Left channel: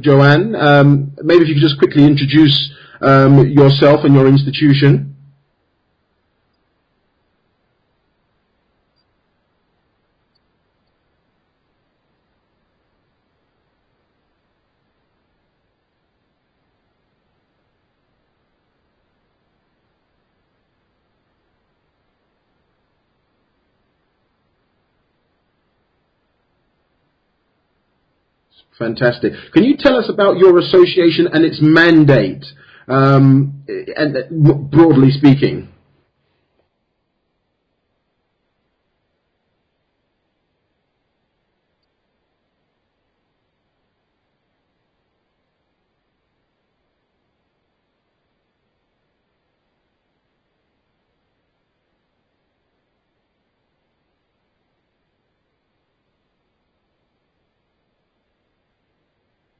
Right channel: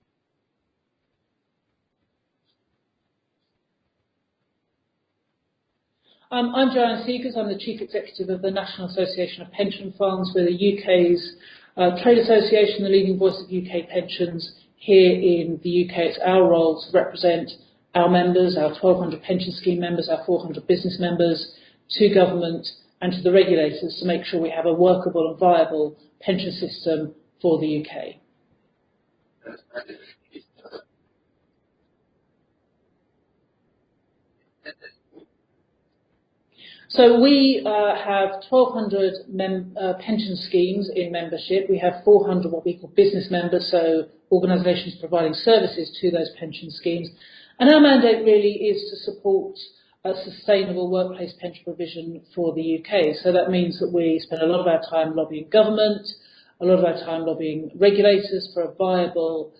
Joanne. Maybe if you could just quickly introduce yourself and your institution. I'm Joanne Segars. I'm the Chief Executive of the National Association of Pension Funds. We're the UK's trade association, the leading voice of UK pensions here in the UK. It's our role to represent our members, our 1,200 pension scheme members, our 400 business members, to government and to the regulators to make sure we have a workable and viable pension system for the UK. Fantastic. Can you tell us about your association and its mandate, and broadly speaking? So we have 1,200 pension schemes in membership. We have 400 what we call business members, so organisations providing services to those pension schemes. And our mandate really is to support a sustainable workplace pension provision for the UK. So that means that we spend a lot of our time lobbying government, a lot of our time lobbying regulators for a viable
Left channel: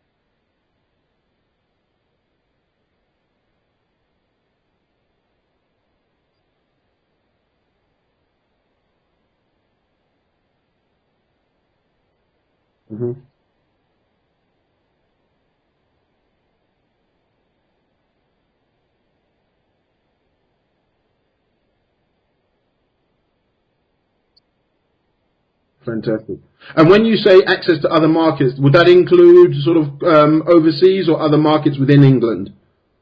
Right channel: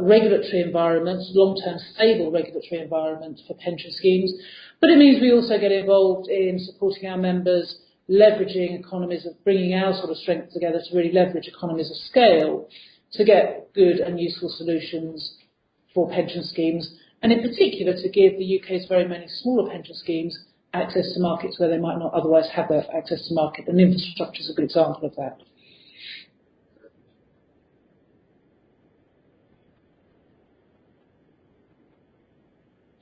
regulatory environment, long-term stable regulatory environment for pension schemes. But it means we also get involved in supporting our members, leveraging economies of bringing our sort of strength together to really leverage economies of scale to get good and useful solutions for pension schemes, and in particular to give the UK's very many smaller pension schemes access to markets where they might not otherwise have that access to market, and infrastructure is a good example of that. Fantastic. And when you say access to other markets, would that include sort of overseas or other markets within England?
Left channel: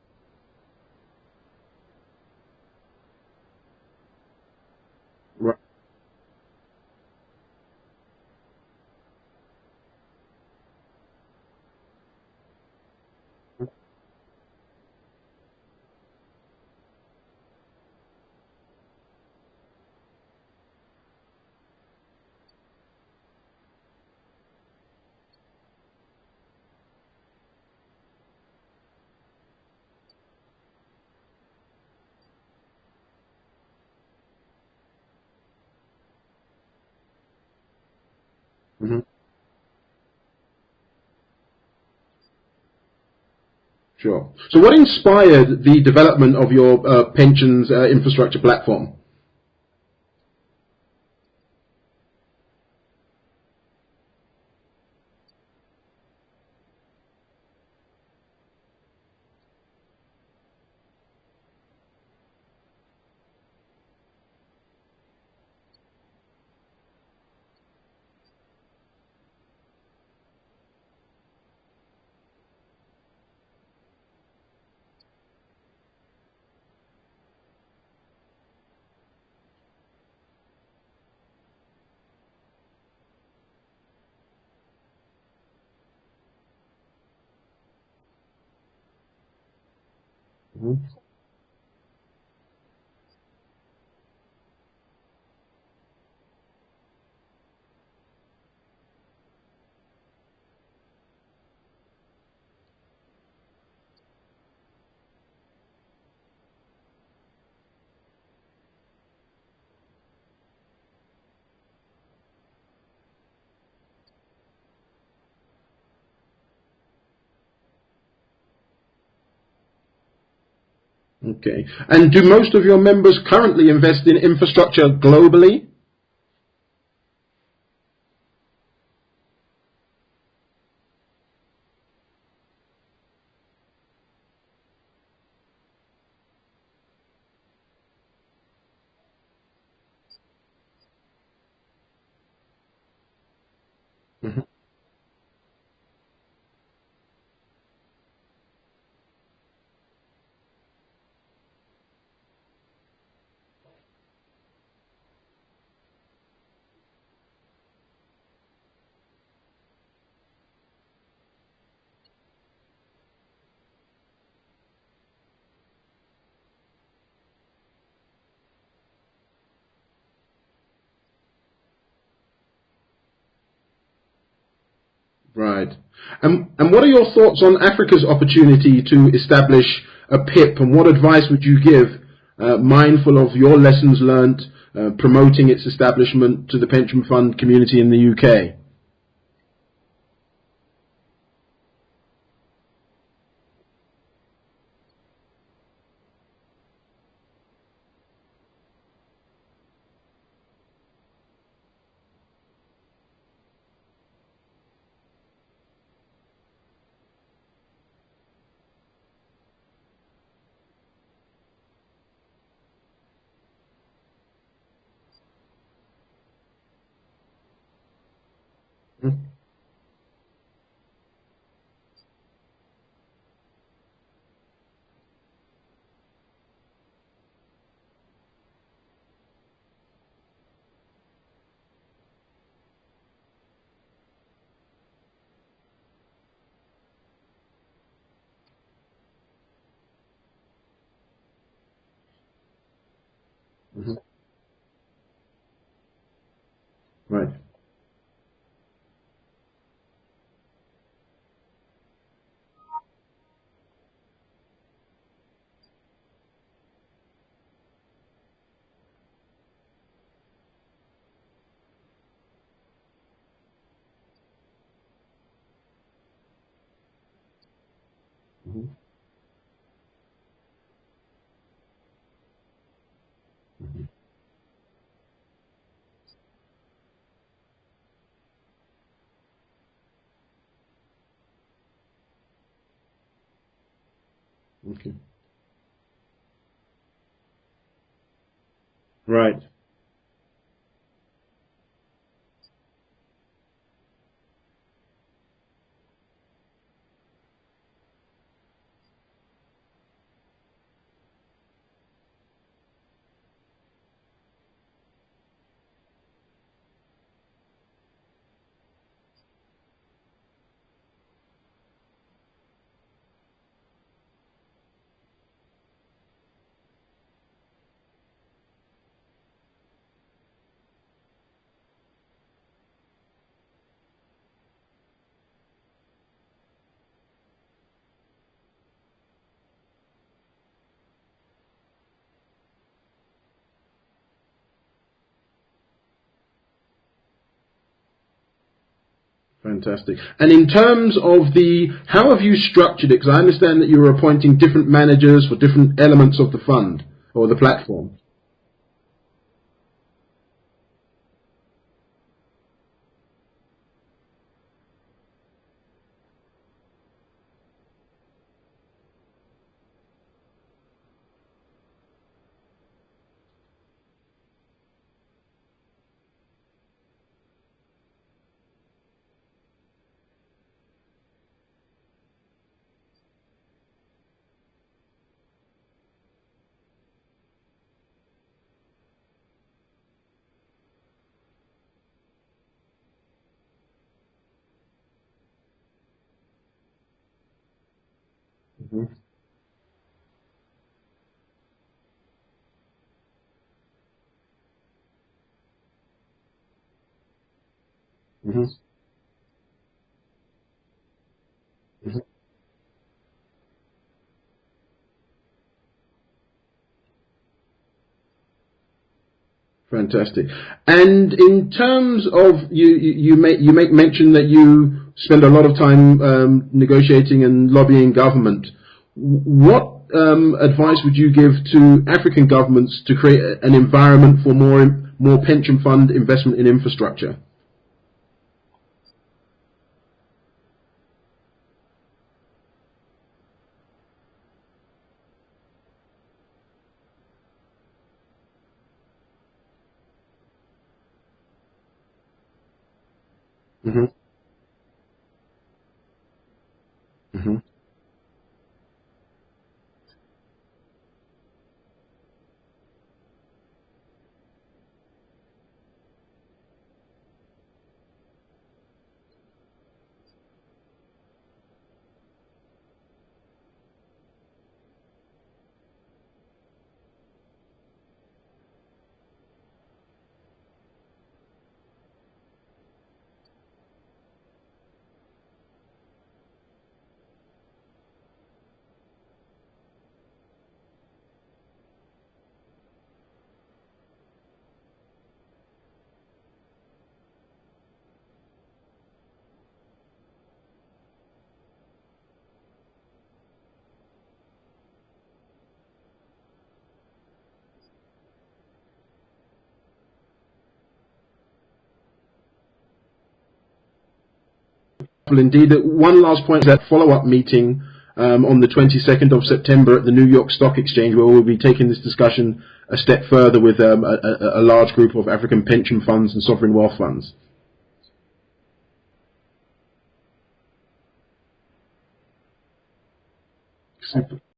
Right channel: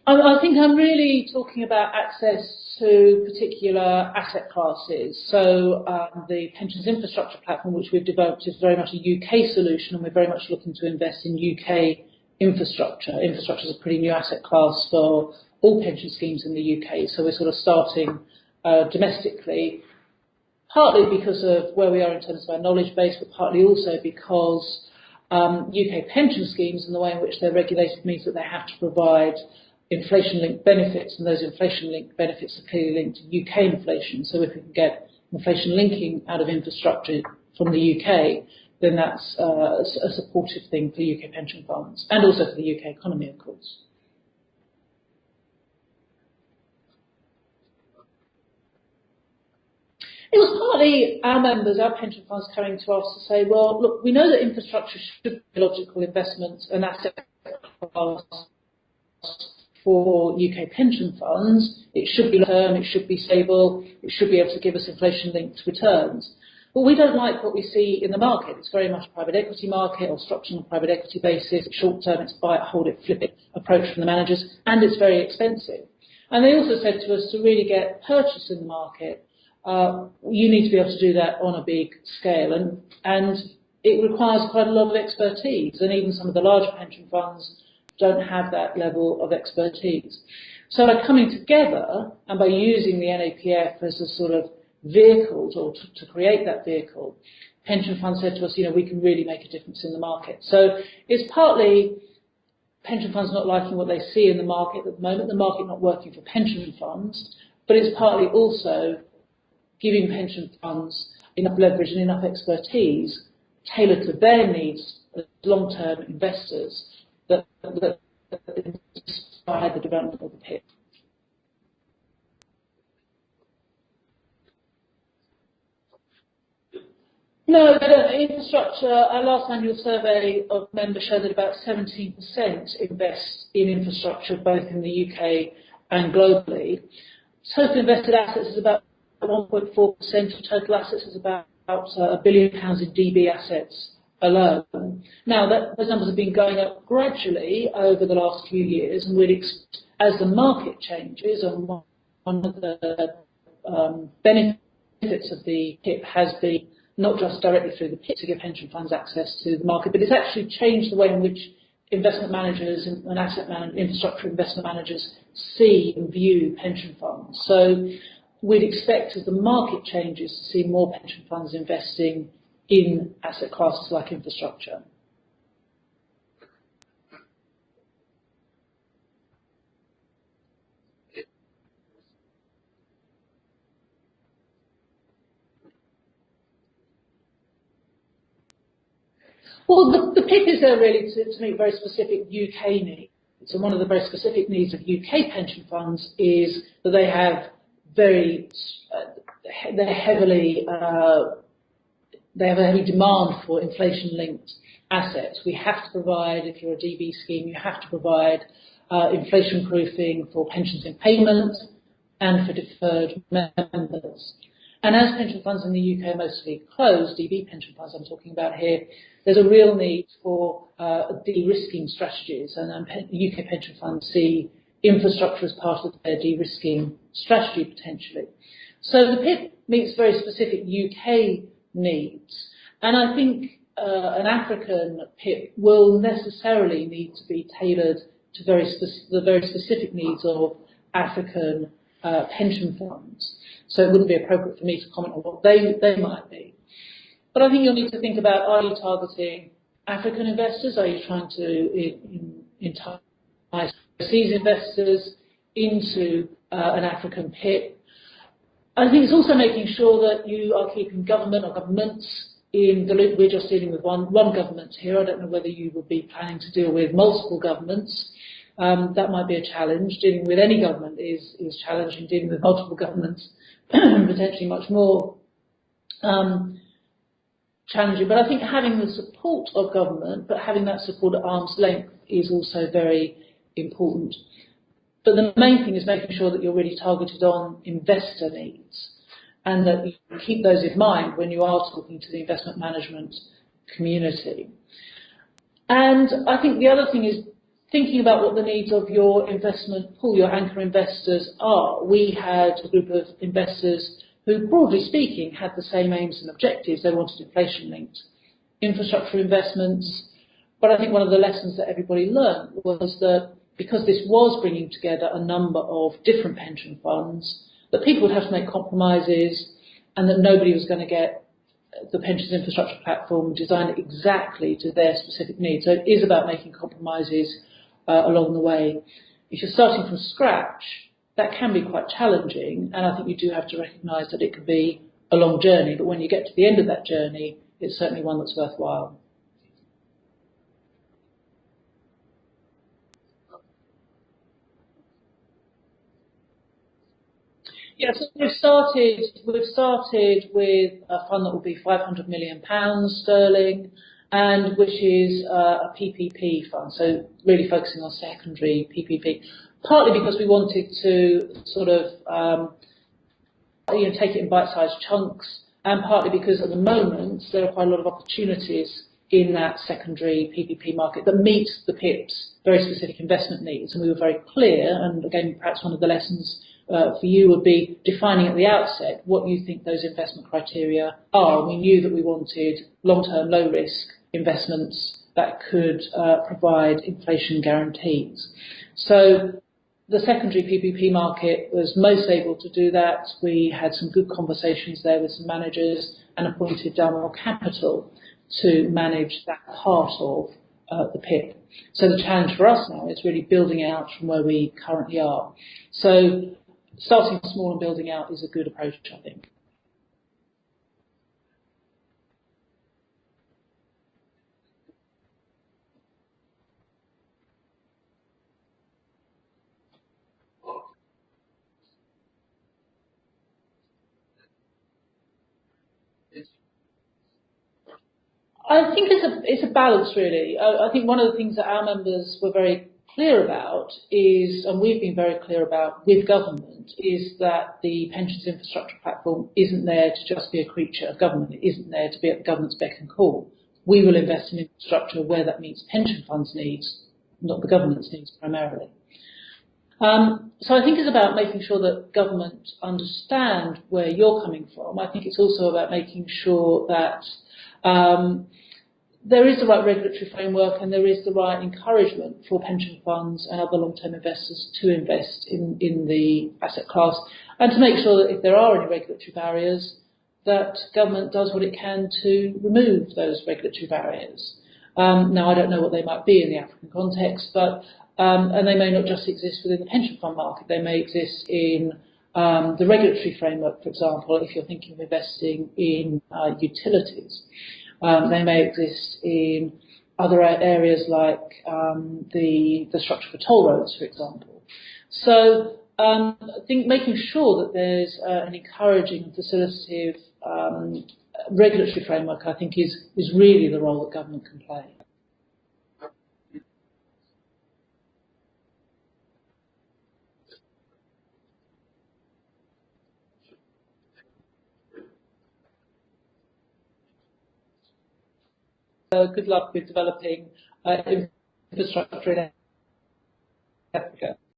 I think I'm really talking about access to particular asset classes. So the pensions infrastructure platform, which we've developed, is very much a UK solution, and we're very much looking to invest in UK infrastructure. Infrastructure is a pretty new asset class for all pension schemes in the UK, so we're sort of starting domestically, partly because of where we are in terms of our knowledge base, but partly also because UK pension schemes and the way in which they're regulated means that they have to provide inflation-linked benefits, and those inflation-linked benefits are clearly linked to UK inflation. So if we can get inflation linking out of infrastructure from the UK, then that's a supportive thing for UK pension funds and also for the UK economy, of course. Sure. So what inspired the development of your pensions infrastructure platform? It was partly our members, our pension funds, coming to us to say, well, look, we know that infrastructure should be logical investment and asset class for UK pension funds. It should be long-term, it should be stable, it should be able to give us inflation-linked returns. But we don't like what we see in the market. It's very much a private equity market, or structured on a private equity basis. Short-term, it's buy it, hold it, flip it approach from the managers, and it's very expensive. And they also said to us, to really get purchase in the market, you need to be able to do that on a big scale, and it requires quite a lot of expertise, and even some of the larger pension funds don't have that level of expertise. So by coming together and by using the NAPF as a sort of vehicle to create that vehicle, pension funds said to us, you know, we can really make a difference in the market. So it's partly pension funds not liking what they see in the market at the moment, the market not working for pension funds, but it's partly also giving pension funds enough leverage and enough expertise tailored to their needs as long-term investors that inspire the development of the PIP. Okay. And do most of your members currently invest in infrastructure globally? No, they don't. Infrastructure, our last annual survey of members showed that about 17% invest in infrastructure both in the UK and globally. Total invested assets is about 1.4% of total assets, is about £1 billion in DB assets alone. Now, those numbers have been going up gradually over the last few years, and as the market changes, and one of the benefits of the PIP has been not just directly through the PIP to give pension funds access to the market, but it's actually changed the way in which investment managers and infrastructure investment managers see and view pension funds. So we'd expect, as the market changes, to see more pension funds investing in asset classes like infrastructure. Right. And what are your thoughts on Africa's opportunity to establish a PIP, and what advice would you give, mindful of your lessons learnt, promoting its establishment to the pension fund community in the UK? Well, the PIP is there really to meet very specific UK needs. And one of the very specific needs of UK pension funds is that they have they have a heavy demand for inflation-linked assets. We have to provide, if you're a DB scheme, you have to provide inflation proofing for pensions in payment and for deferred members. And as pension funds in the UK are mostly closed, DB pension funds I'm talking about here, there's a real need for de-risking strategies, and UK pension funds see infrastructure as part of their de-risking strategy potentially. So the PIP meets very specific UK needs, and I think an African PIP will necessarily need to be tailored to the very specific needs of African pension funds. So it wouldn't be appropriate for me to comment on what they might be. Right. But I think you'll need to think about, are you targeting African investors? Are you trying to entice overseas investors into an African PIP? I think it's also making sure that you are keeping government or governments in the loop. We're just dealing with one government here. I don't know whether you would be planning to deal with multiple governments. That might be a challenge. Dealing with any government is challenging. Dealing with multiple governments, potentially much more challenging. But I think having the support of government, but having that support at arm's length, is also very important. Okay. But the main thing is making sure that you're really targeted on investor needs. Right. And that you keep those in mind when you are talking to the investment management community. And I think the other thing is thinking about what the needs of your investment pool, your anchor investors are. We had a group of investors who, broadly speaking, had the same aims and objectives. They wanted inflation-linked infrastructure investments. But I think one of the lessons that everybody learned was that because this was bringing together a number of different pension funds, that people would have to make compromises, and that nobody was going to get the pensions infrastructure platform designed exactly to their specific needs. So it is about making compromises along the way. If you're starting from scratch, that can be quite challenging, and I think you do have to recognise that it could be a long journey, but when you get to the end of that journey, it's certainly one that's worthwhile. Fantastic. And in terms of how have you structured it? Because I understand that you're appointing different managers for different elements of the fund or the platform. Yes, we've started with a fund that will be £500 million sterling, and which is a PPP fund, so really focusing on secondary PPP, partly because we wanted to sort of take it in bite-sized chunks, and partly because at the moment there are quite a lot of opportunities in that secondary PPP market that meets the PIP's very specific investment needs. And we were very clear, and again, perhaps one of the lessons for you would be defining at the outset what you think those investment criteria are. And we knew that we wanted long-term, low-risk investments that could provide inflation guarantees. So the secondary PPP market was most able to do that. We had some good conversations there with some managers and appointed Danso Capital to manage that part of the PIP. So the challenge for us now is really building out from where we currently are. So starting small and building out is a good approach, I think. Fantastic. And in terms of you make mention that you spend a lot of time negotiating and lobbying government. What advice would you give to African governments to create an environment for more pension fund investment in infrastructure? I think it's a balance, really. I think one of the things that our members were very clear about is, and we've been very clear about with government, is that the pensions infrastructure platform isn't there to just be a creature of government. It isn't there to be at the government's beck and call. We will invest in infrastructure where that meets pension funds' needs, not the government's needs primarily. So I think it's about making sure that government understand where you're coming from. I think it's also about making sure that there is the right regulatory framework and there is the right encouragement for pension funds and other long-term investors to invest in the asset class, and to make sure that if there are any regulatory barriers, that government does what it can to remove those regulatory barriers. Now, I don't know what they might be in the African context, but and they may not just exist within the pension fund market. They may exist in the regulatory framework, for example, if you're thinking of investing in utilities. They may exist in other areas like the structure for toll roads, for example. So I think making sure that there's an encouraging, facilitative regulatory framework, I think, is really the role that government can play. Well, indeed. One last point, that follow-up meeting on the 22nd of September at the New York Stock Exchange, where we'll be taking this discussion a step further with a large group of African pension funds and sovereign wealth funds. Good luck with developing infrastructure in Africa.